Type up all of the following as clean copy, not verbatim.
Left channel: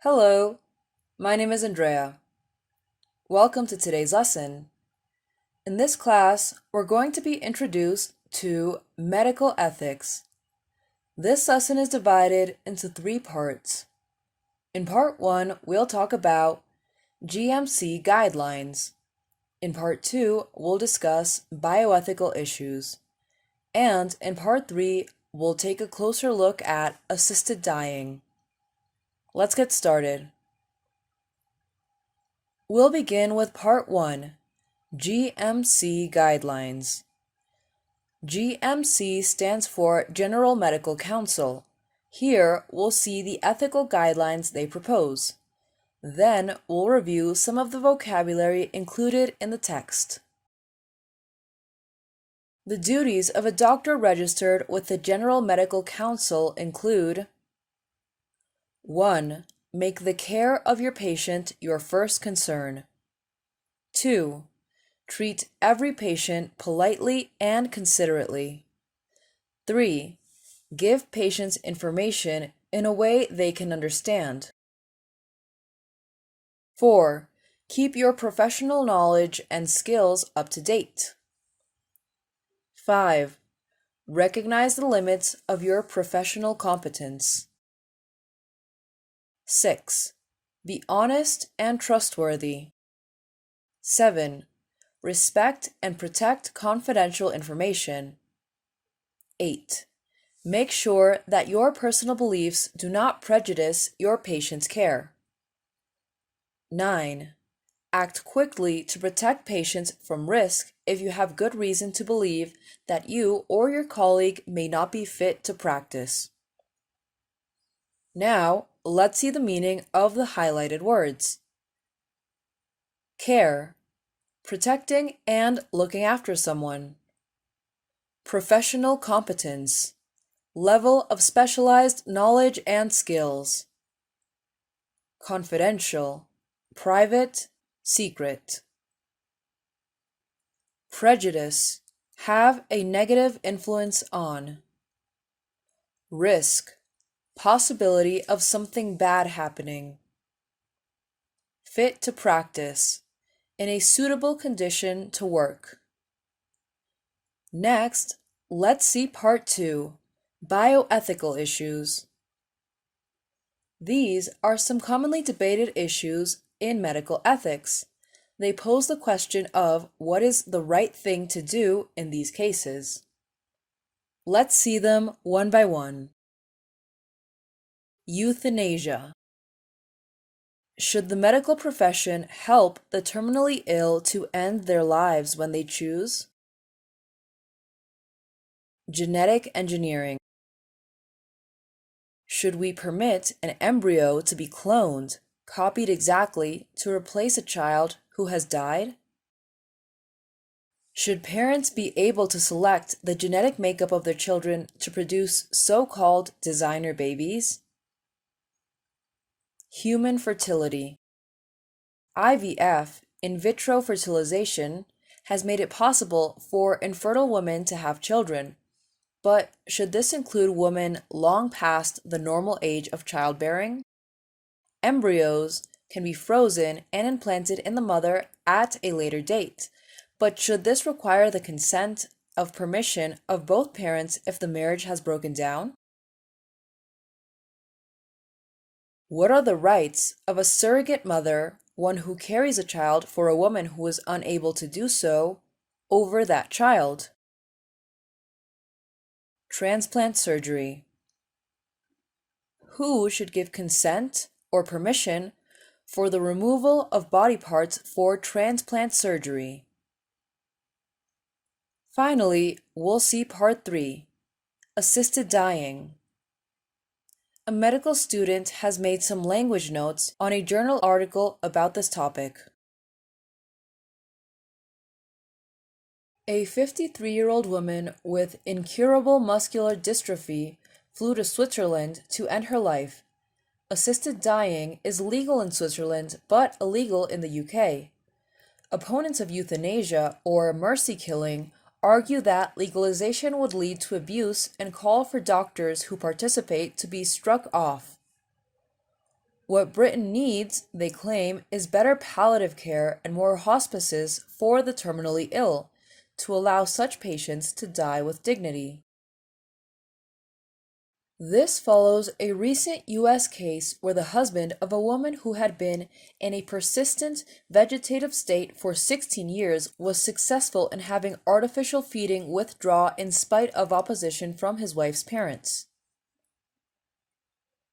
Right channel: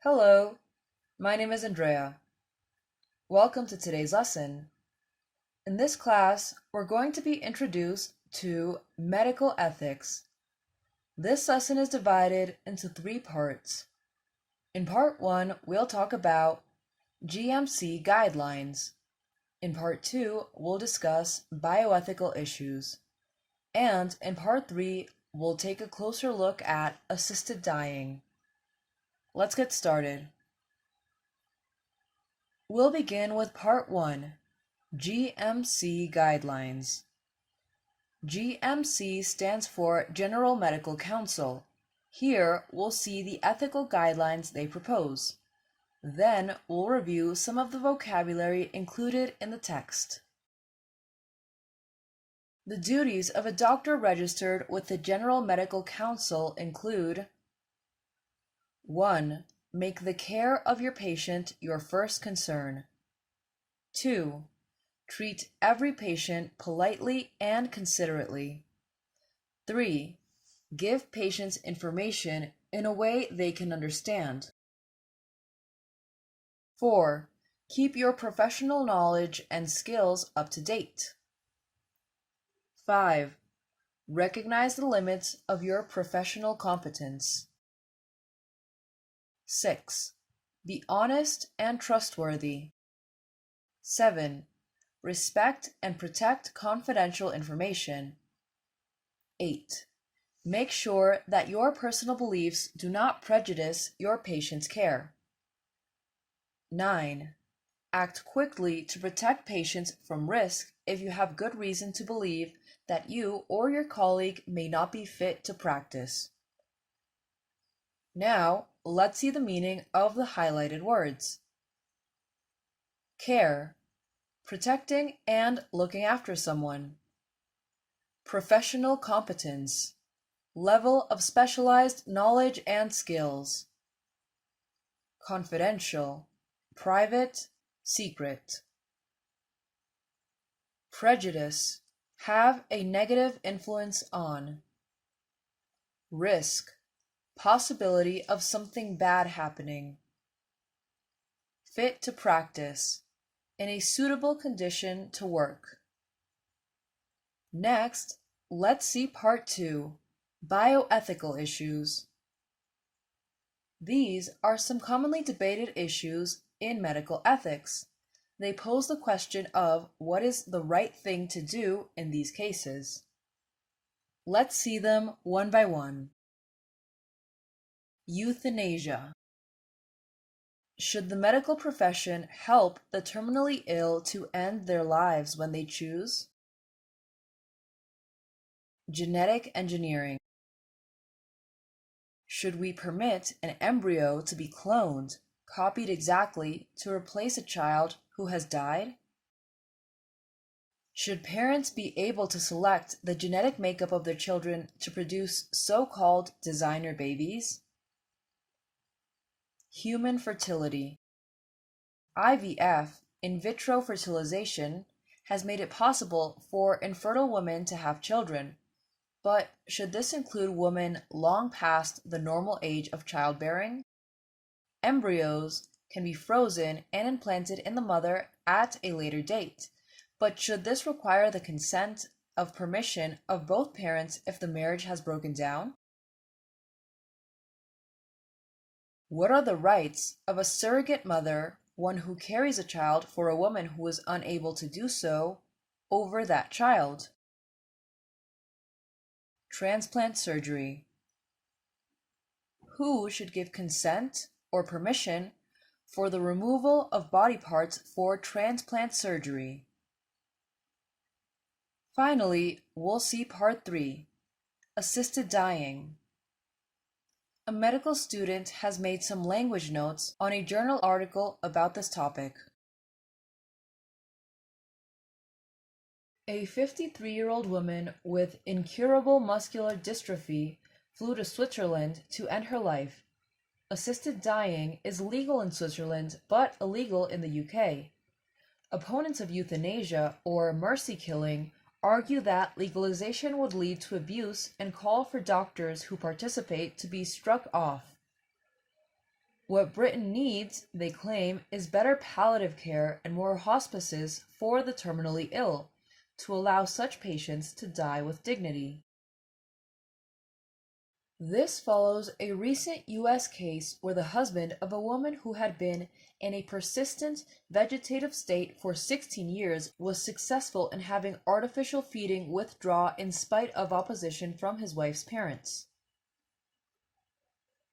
Hello, my name is Andrea. Welcome to today's lesson. In this class, we're going to be introduced to medical ethics. This lesson is divided into three parts. In part 1, we'll talk about GMC guidelines. In part 2, we'll discuss bioethical issues. And in part 3, we'll take a closer look at assisted dying. Let's get started. We'll begin with part 1, GMC guidelines. GMC stands for General Medical Council. Here, we'll see the ethical guidelines they propose. Then, we'll review some of the vocabulary included in the text. The duties of a doctor registered with the General Medical Council include 1. Make the care of your patient your first concern. 2. Treat every patient politely and considerately. 3. Give patients information in a way they can understand. 4. Keep your professional knowledge and skills up to date. 5. Recognize the limits of your professional competence. 6. Be honest and trustworthy. 7. Respect and protect confidential information. 8. Make sure that your personal beliefs do not prejudice your patient's care. 9. Act quickly to protect patients from risk if you have good reason to believe that you or your colleague may not be fit to practice. Now, let's see the meaning of the highlighted words. Care, protecting and looking after someone. Professional competence, level of specialized knowledge and skills. Confidential, private, secret. Prejudice, have a negative influence on. Risk, possibility of something bad happening. Fit to practice, in a suitable condition to work. Next, let's see part 2, bioethical issues. These are some commonly debated issues in medical ethics. They pose the question of what is the right thing to do in these cases. Let's see them one by one. Euthanasia. Should the medical profession help the terminally ill to end their lives when they choose? Genetic engineering. Should we permit an embryo to be cloned, copied exactly, to replace a child who has died? Should parents be able to select the genetic makeup of their children to produce so-called designer babies? Human fertility. IVF, in vitro fertilization, has made it possible for infertile women to have children. But should this include women long past the normal age of childbearing? Embryos can be frozen and implanted in the mother at a later date, but should this require the consent of permission of both parents if the marriage has broken down? What are the rights of a surrogate mother, one who carries a child for a woman who is unable to do so, over that child? Transplant surgery. Who should give consent or permission for the removal of body parts for transplant surgery? Finally, we'll see part 3, assisted dying. A medical student has made some language notes on a journal article about this topic. A 53-year-old woman with incurable muscular dystrophy flew to Switzerland to end her life. Assisted dying is legal in Switzerland but illegal in the UK. Opponents of euthanasia, or mercy killing, argue that legalization would lead to abuse and call for doctors who participate to be struck off. What Britain needs, they claim, is better palliative care and more hospices for the terminally ill to allow such patients to die with dignity. This follows a recent U.S. case where the husband of a woman who had been in a persistent vegetative state for 16 years was successful in having artificial feeding withdraw in spite of opposition from his wife's parents.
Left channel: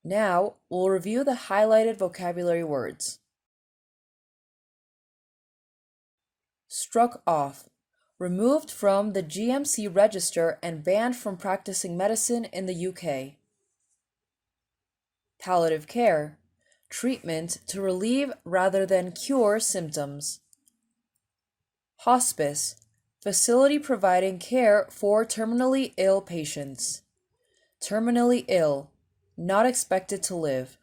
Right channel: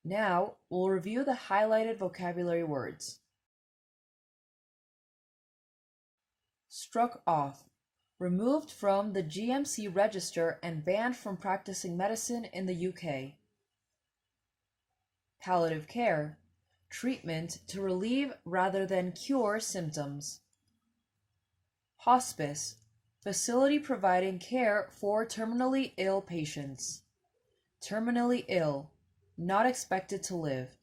Now, we'll review the highlighted vocabulary words. Struck off. Removed from the GMC register and banned from practicing medicine in the UK. Palliative care. Treatment to relieve rather than cure symptoms. Hospice. Facility providing care for terminally ill patients. Terminally ill. Not expected to live.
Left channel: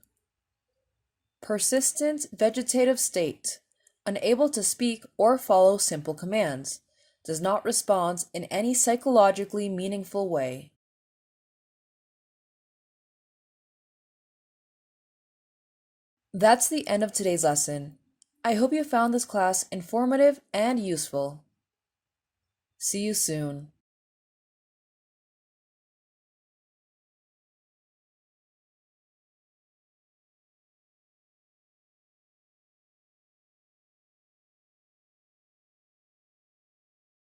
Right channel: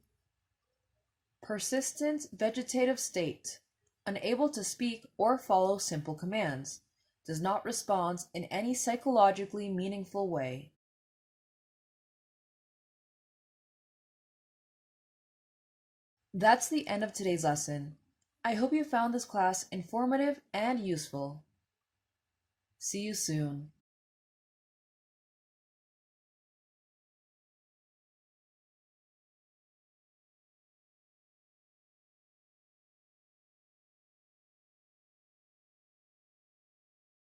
Persistent vegetative state. Unable to speak or follow simple commands. Does not respond in any psychologically meaningful way. That's the end of today's lesson. I hope you found this class informative and useful. See you soon.